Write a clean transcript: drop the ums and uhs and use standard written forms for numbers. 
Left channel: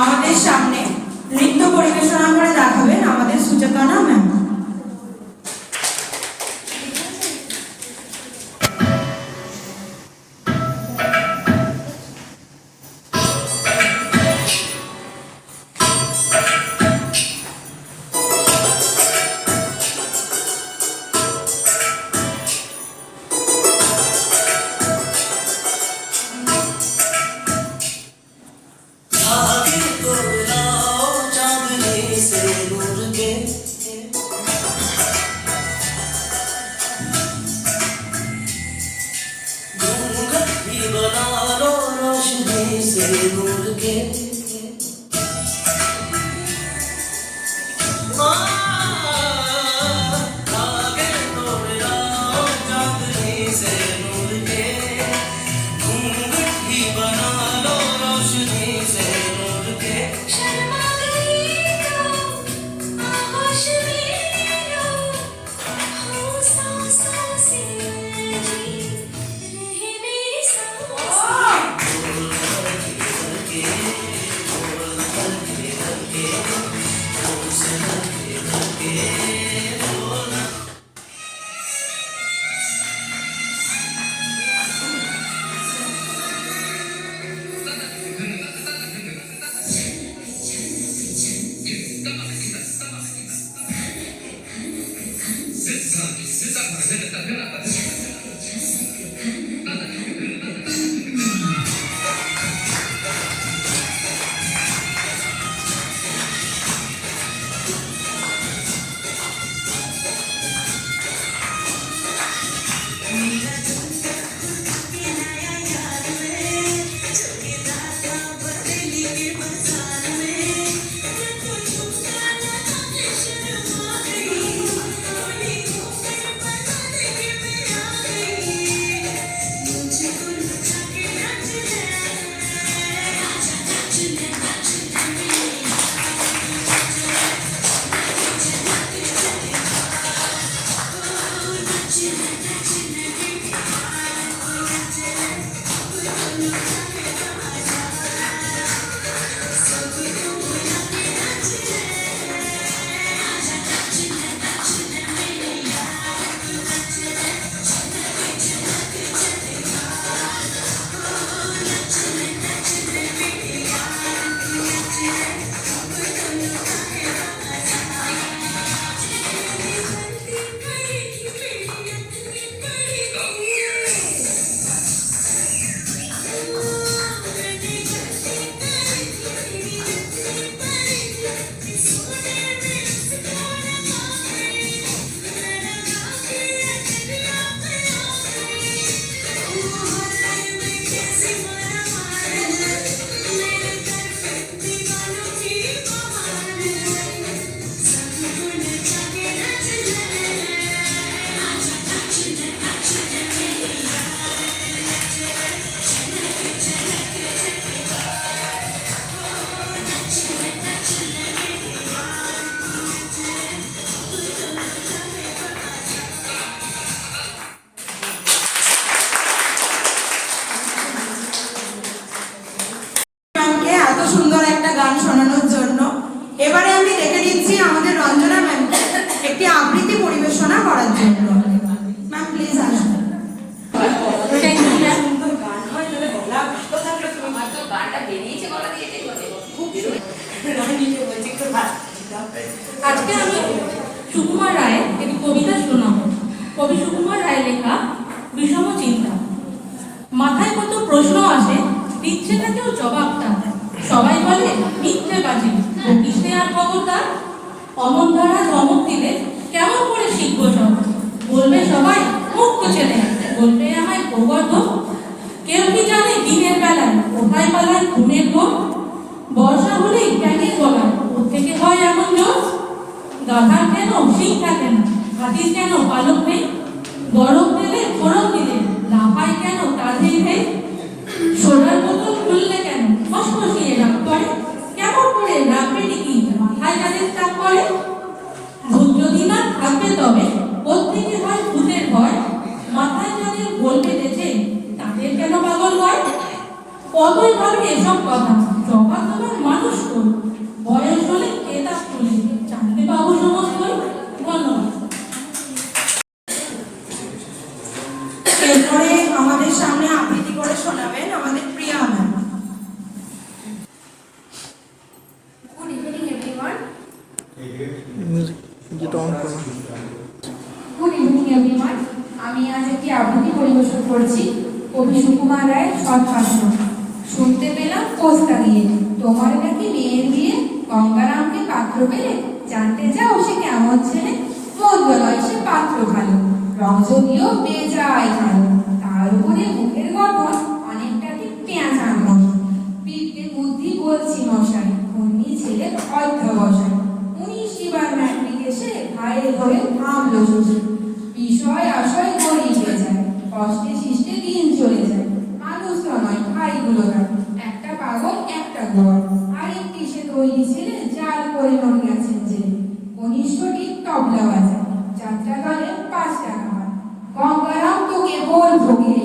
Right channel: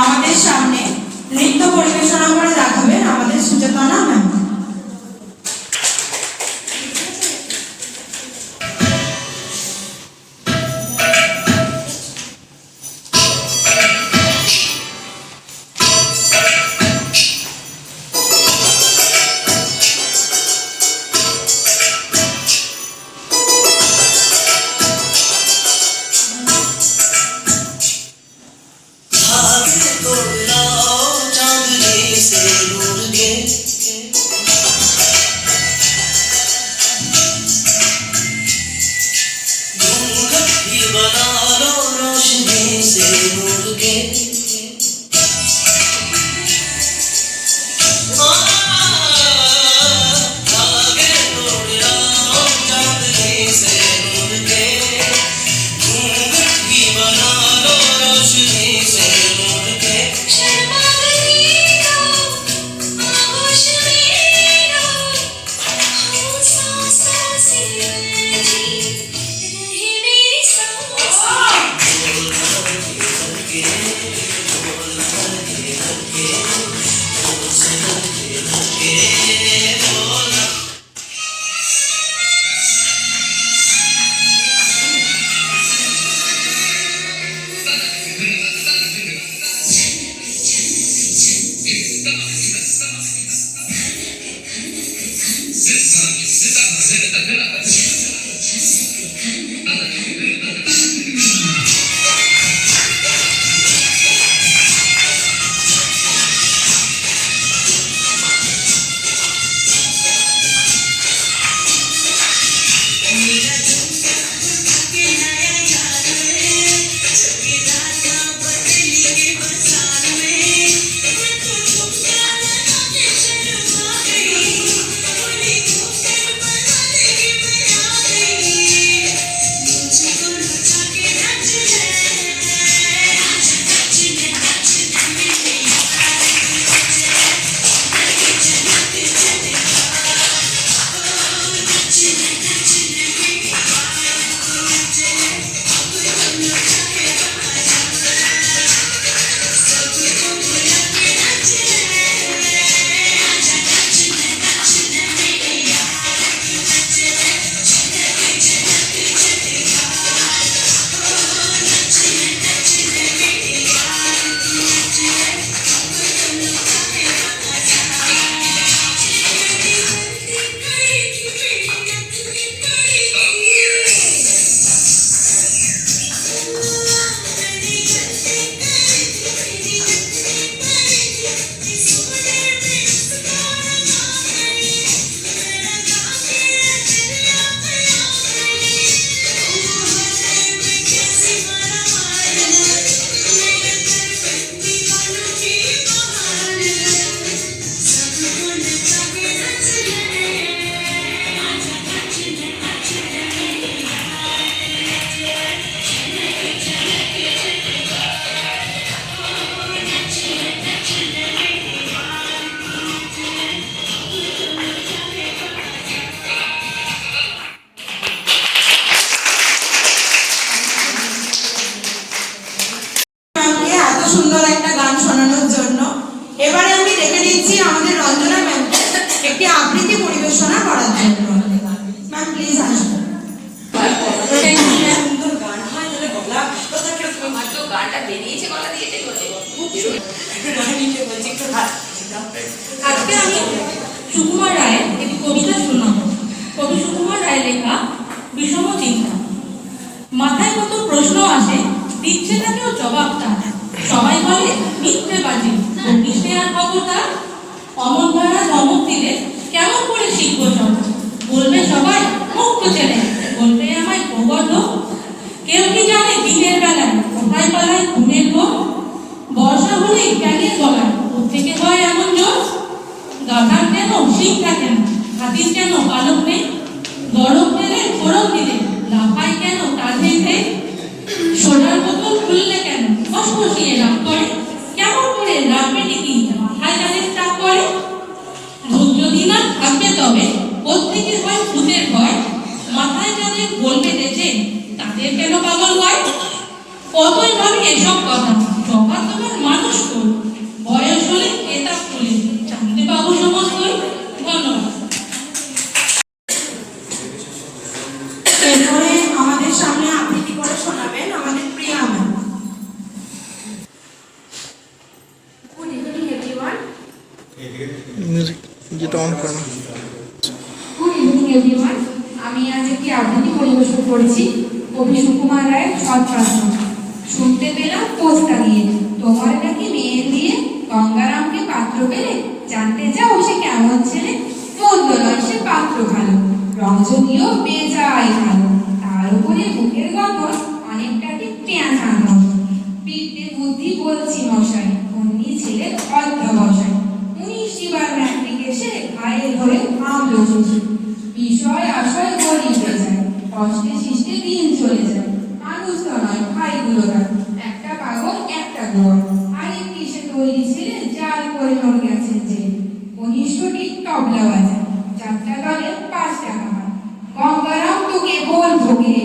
আমাদের সামনে নৃত্য পরিবেশনা করে দেখাবেন আমাদের সুচেতনা ম্যাম। সুন্দর একটা গান শোনানোর জন্য এবারে আমি রেখে দিচ্ছি আমাদের রঞ্জনা ম্যামকে একটি আবৃত্তি পরিবেশনা করার জন্য। ম্যাম প্লিজ আসুন। আজকে আমি সুকুমার রায়ের একটি কবিতা শোনাবো। কবি সুকুমার রায়ের লেখা বিষম চিন্তা। মাথায় কত প্রশ্ন আসে, দিচ্ছে না কেউ জবাবটা। সবাই বলে মিথ্যে বাজি, কিসে আর খবরদার। অমন ধারা ধমক দিলে কেমন করে শিখবো সব। বলবে সবাই মুখ্য ছেলে, বলবে আমায় গোবর্ধন। কেউ কি জানে দিনের বেলায় কোথায় পালায় ঘুমের ঘোর। বর্ষা হলেই ব্যাঙের গলায় থেকে হয় এমন জোর। গাধার কেন শিং থাকে না, হাতির কেন পালক নেই। গরম তেলে ফোড়ন দিলে লাফায় কেন কাঁধে নেই। সোনার বোতল খুললে কেন ফসফসিয়ে রাগ করে। কেমন করে রাখবে টিকি মাথায় যাদের চাপ করে। ভূত যদি না থাকবে তবে কোত্থেকে হয় ভূতের ভয়। মাথায় যাদের বলবে দেশে কতই ভাবি এসব কথা, জবাব তোমার মানুষ কর, বয়স হলে কেতাব খুলে জানতে পাবো সমস্তই। ধন্যবাদ। এরপরে আমাদের সামনে আবৃত্তি করে শোনাবেন আমাদের Priya ma'am. Good evening everyone. Music যেটা অন করো। Good evening everyone. আমি আজ একটি আবৃত্তি পরিবেশন করছি কবি সুকুমার রায়ের সৎপাত্র। শুনতে পেলাম পোস্টা গিয়ে তোমার নাকি মেয়ের বিয়ে, গঙ্গারামকে পাত্র পেলে, জানতে চাও সে কেমন ছেলে, মন্দ নয় সে পাত্র ভালো, রঞ্জনীয় বেজায় ভালো, তার উপরে মুখের গঠন অনেকটাকে পেঁচার মতো, বিদ্যে বুদ্ধি বলছি মশাই, অমনি ছেলে অধ্যবসায়, 19 বার ম্যাট্রিক এসে ঘায়ে ধরে থামলো শশী, বিষয় আশয় গড়িয়ে যায়, কষ্টে শিষ্টে দিন চলে যায়, মানুষ তো নয় ভাইগুলো তার, একটা পাগল একটা গোয়া, আরেকটি সে তৈরি ছিলেন জাল করে নন গেছেন যে, কনিষ্ঠটি তবলা বাজায়, যাত্রা দলে 5 টাকা হয়, গঙ্গারাম তোকে বল ভোগে